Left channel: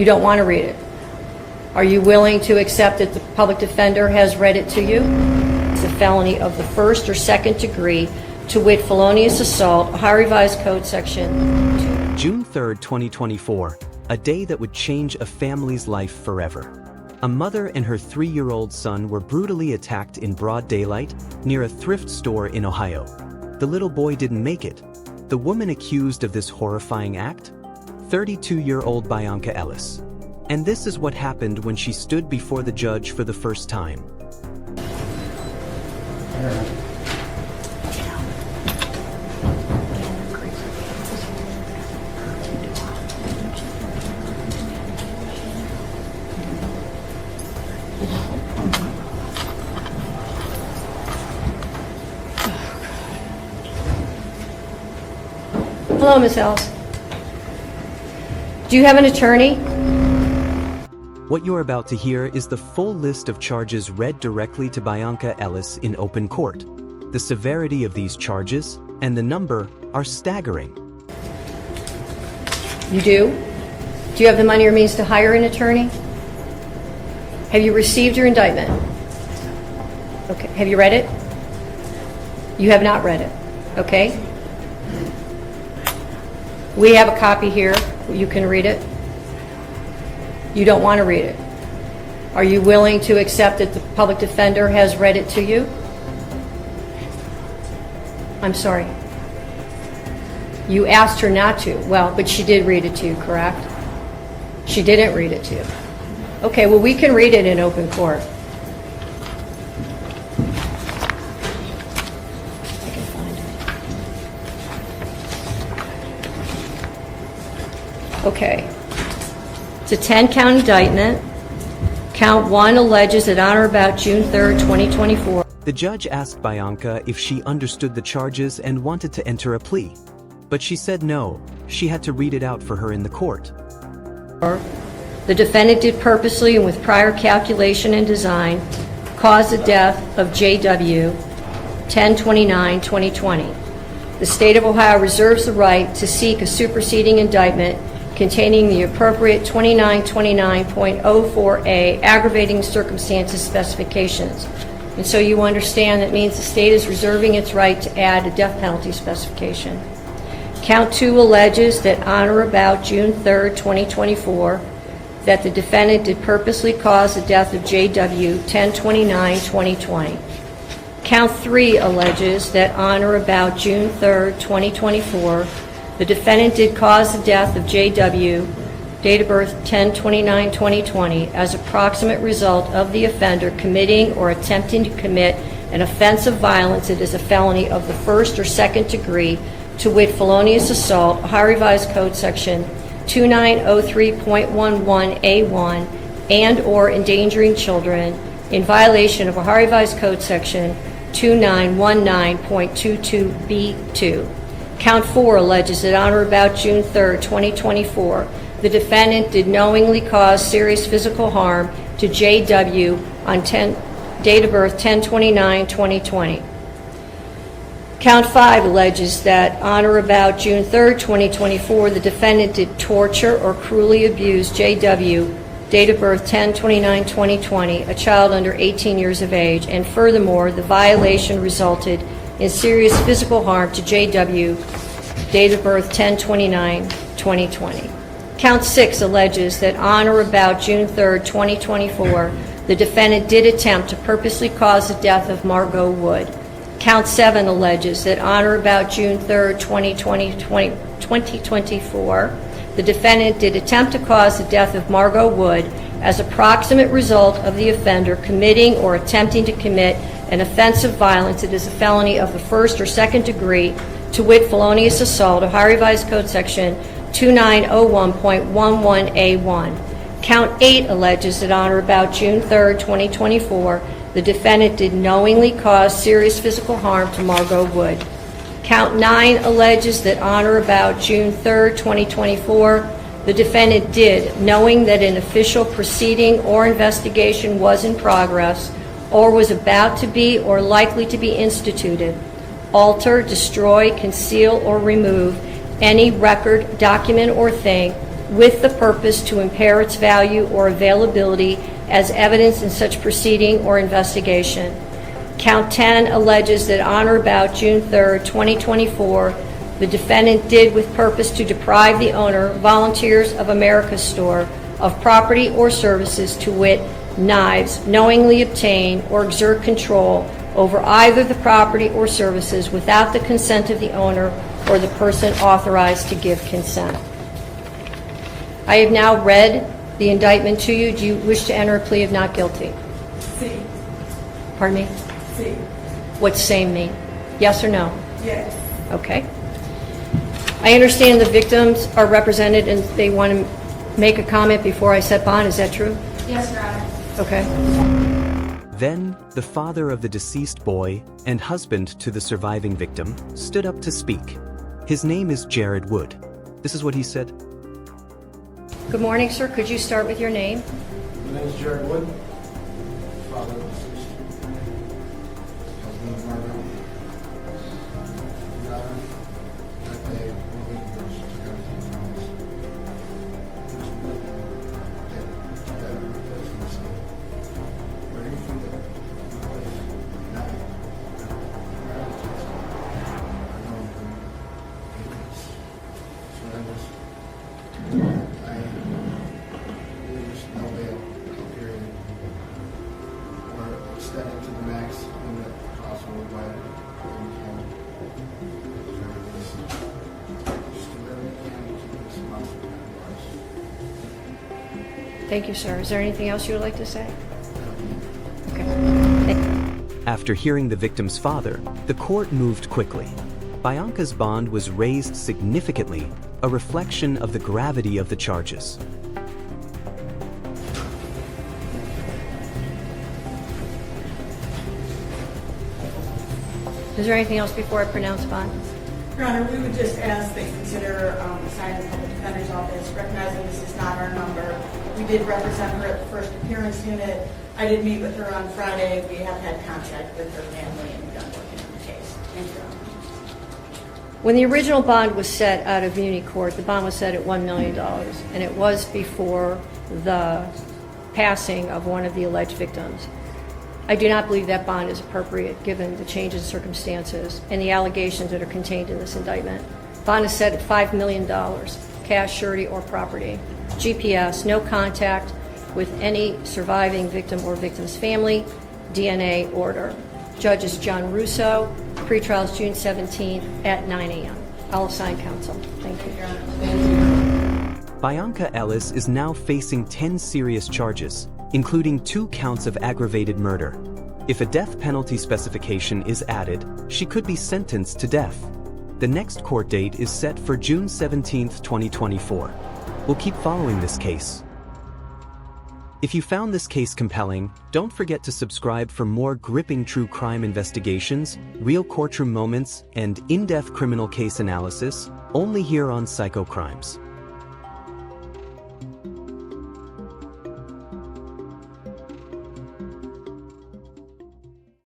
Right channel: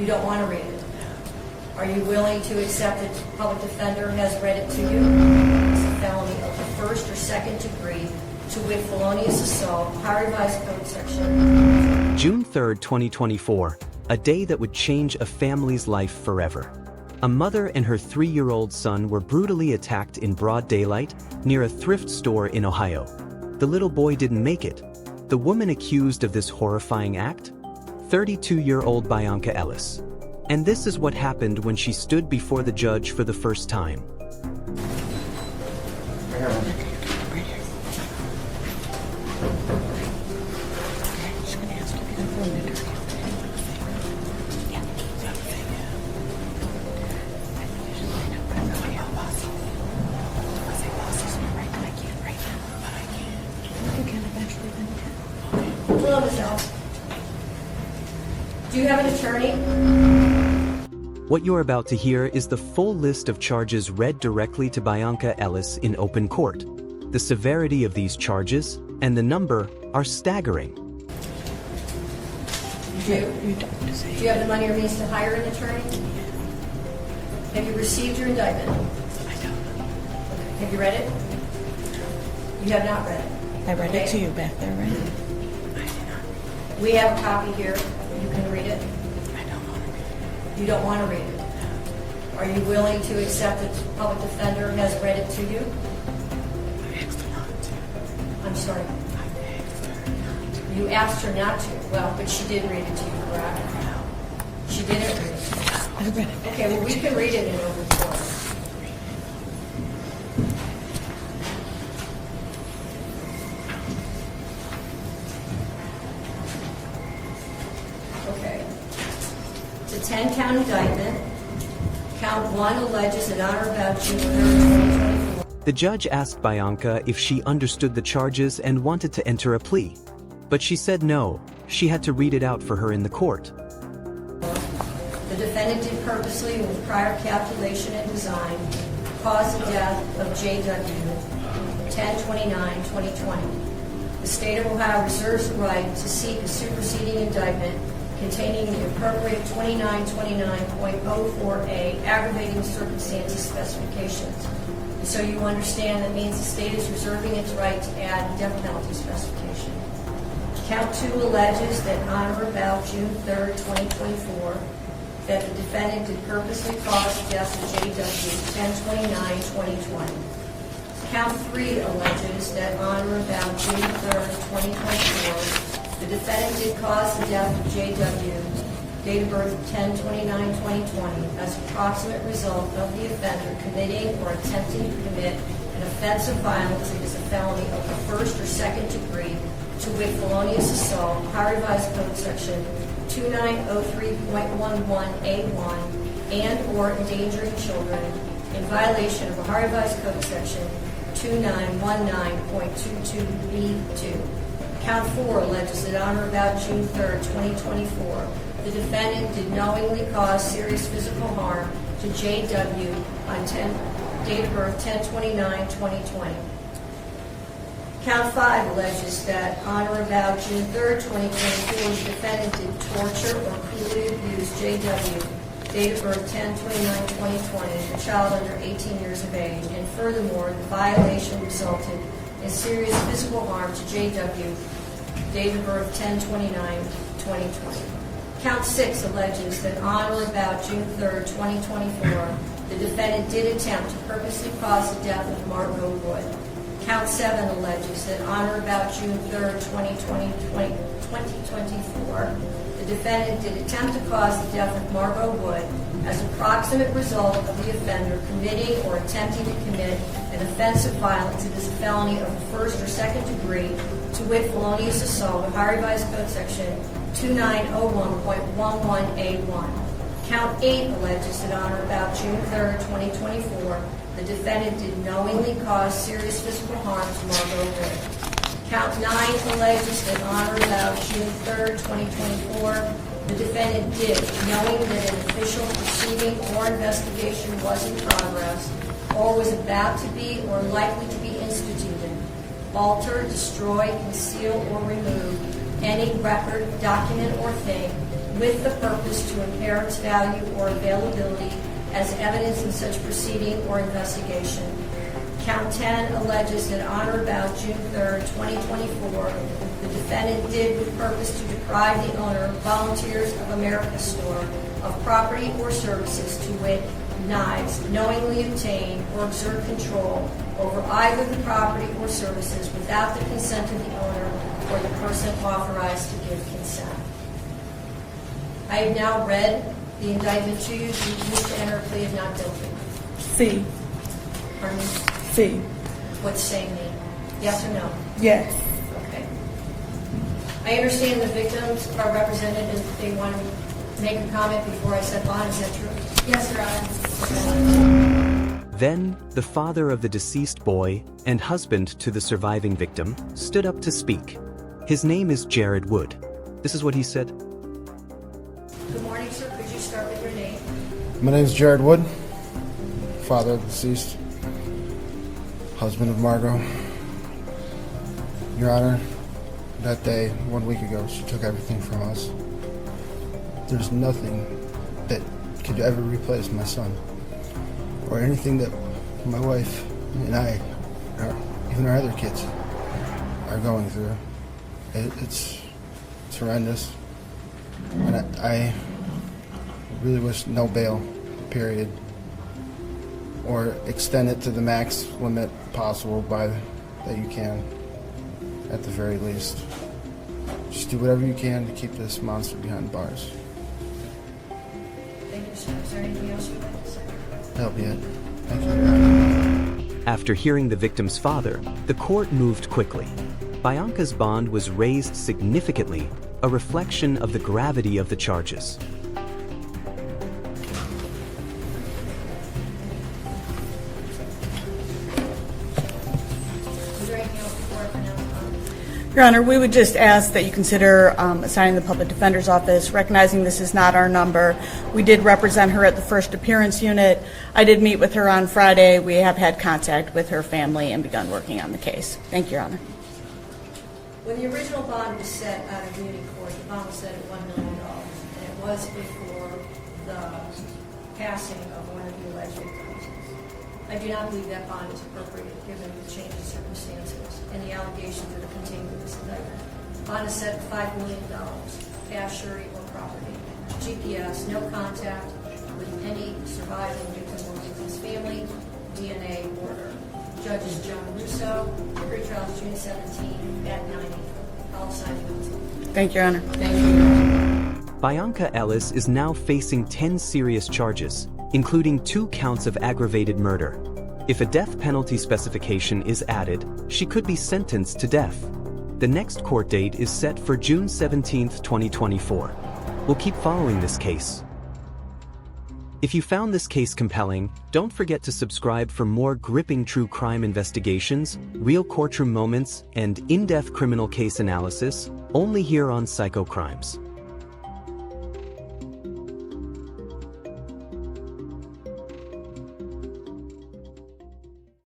You don't want to read it. Are you willing to accept that the public defender has read it to you? It's a felony of the first or second degree, to wit, felonious assault, Ohio Revised Code Section. June 3rd, 2024, a day that would change a family's life forever. A mother and her 3-year-old son were brutally attacked in broad daylight near a thrift store in Ohio. The little boy didn't make it. The woman accused of this horrifying act? 32-year-old Bianca Ellis. And this is what happened when she stood before the judge for the first time. Hello, Ms. Ellis. Do you have an attorney? What you're about to hear is the full list of charges read directly to Bianca Ellis in open court. The severity of these charges and the number are staggering. You do? Do you have the money or means to hire an attorney? Have you received your indictment? Okay. Have you read it? You have not read it. Okay. We have a copy here. You can read it. You don't want to read it. Are you willing to accept that the public defender has read it to you? I'm sorry. You asked her not to. Well, but she did read it to you, correct? She didn't read it to you. Okay, well, we can read it in open court. Okay. It's a 10-count indictment. Count 1 alleges that on or about June 3rd, 2024. The judge asked Bianca if she understood the charges and wanted to enter a plea. But she said no. She had to read it out for her in the court. The defendant did purposely and with prior calculation and design cause the death of J.W. 10/29/2020. The state of Ohio reserves the right to seek a superseding indictment containing the appropriate 2929.04A aggravating circumstances specifications. And so you understand that means the state is reserving its right to add a death penalty specification. Count 2 alleges that on or about June 3rd, 2024, that the defendant did purposely cause the death of J.W. 10/29/2020. Count 3 alleges that on or about June 3rd, 2024, the defendant did cause the death of J.W., date of birth 10/29/2020, as a proximate result of the offender committing or attempting to commit an offense of violence that is a felony of the first or second degree, to wit, felonious assault, Ohio Revised Code Section 2903.11A1, and or endangering children in violation of Ohio Revised Code Section 2919.22B2. Count 4 alleges that on or about June 3rd, 2024, the defendant did knowingly cause serious physical harm to J.W. on date of birth 10/29/2020. Count 5 alleges that on or about June 3rd, 2024, the defendant did torture or cruelly abuse J.W., date of birth 10/29/2020, a child under 18 years of age, and furthermore, the violation resulted in serious physical harm to J.W., date of birth 10/29/2020. Count 6 alleges that on or about June 3rd, 2024, the defendant did attempt to purposely cause the death of Margot Wood. Count 7 alleges that on or about June 3rd, 2024, the defendant did attempt to cause the death of Margot Wood as a proximate result of the offender committing or attempting to commit an offense of violence that is a felony of the first or second degree, to wit, felonious assault, Ohio Revised Code Section 2901.11A1. Count 8 alleges that on or about June 3rd, 2024, the defendant did knowingly cause serious physical harm to Margot Wood. Count 9 alleges that on or about June 3rd, 2024, the defendant did, knowing that an official proceeding or investigation was in progress or was about to be or likely to be instituted, alter, destroy, conceal, or remove any record, document, or thing with the purpose to impair its value or availability as evidence in such proceeding or investigation. Count 10 alleges that on or about June 3rd, 2024, the defendant did with purpose to deprive the owner, Volunteers of America store, of property or services, to wit, knives, knowingly obtain or exert control over either the property or services without the consent of the owner or the person authorized to give consent. I have now read the indictment to you. Do you wish to enter a plea of not guilty? C. Pardon me? C. What's same mean? Yes or no? Yes. Okay. I understand the victims are represented and they want to make a comment before I set bond. Is that true? Yes, Your Honor. Okay. Then, the father of the deceased boy and husband to the surviving victim stood up to speak. His name is Jared Wood. This is what he said. Good morning, sir. Could you start with your name? My name is Jared Wood, father of the deceased, husband of Margot. Your Honor, that day, 1 week ago, she took everything from us. There's nothing that could ever replace my son, or anything that my wife and I, or even our other kids, are going through. It's horrendous. And I really wish no bail, period, or extend it to the max limit possible that you can, at the very least. Just do whatever you can to keep this monster behind bars. Thank you, sir. Is there anything else you would like to say? That'll be it. After hearing the victim's father, the court moved quickly. Bianca's bond was raised significantly, a reflection of the gravity of the charges. Is there anything else before I pronounce bond? Your Honor, we would just ask that you consider assigning the Public Defender's Office, recognizing this is not our number. We did represent her at the first appearance unit. I did meet with her on Friday. We have had contact with her family and begun working on the case. Thank you, Your Honor. When the original bond was set out of Muni Court, the bond was set at $1 million, and it was before the passing of one of the alleged victims. I do not believe that bond is appropriate given the change in circumstances and the allegations that are contained in this indictment. Bond is set at $5 million, cash, surety, or property. GPS, no contact with any surviving victim or victim's family, DNA order. Judge is John Russo. Pretrial is June 17th at 9 a.m. I'll assign counsel. Thank you, Your Honor. Bianca Ellis is now facing 10 serious charges, including 2 counts of aggravated murder. If a death penalty specification is added, she could be sentenced to death. The next court date is set for June 17, 2024. We'll keep following this case. If you found this case compelling, don't forget to subscribe for more gripping true crime investigations, real courtroom moments, and in-depth criminal case analysis, only here on Psycho Crimes.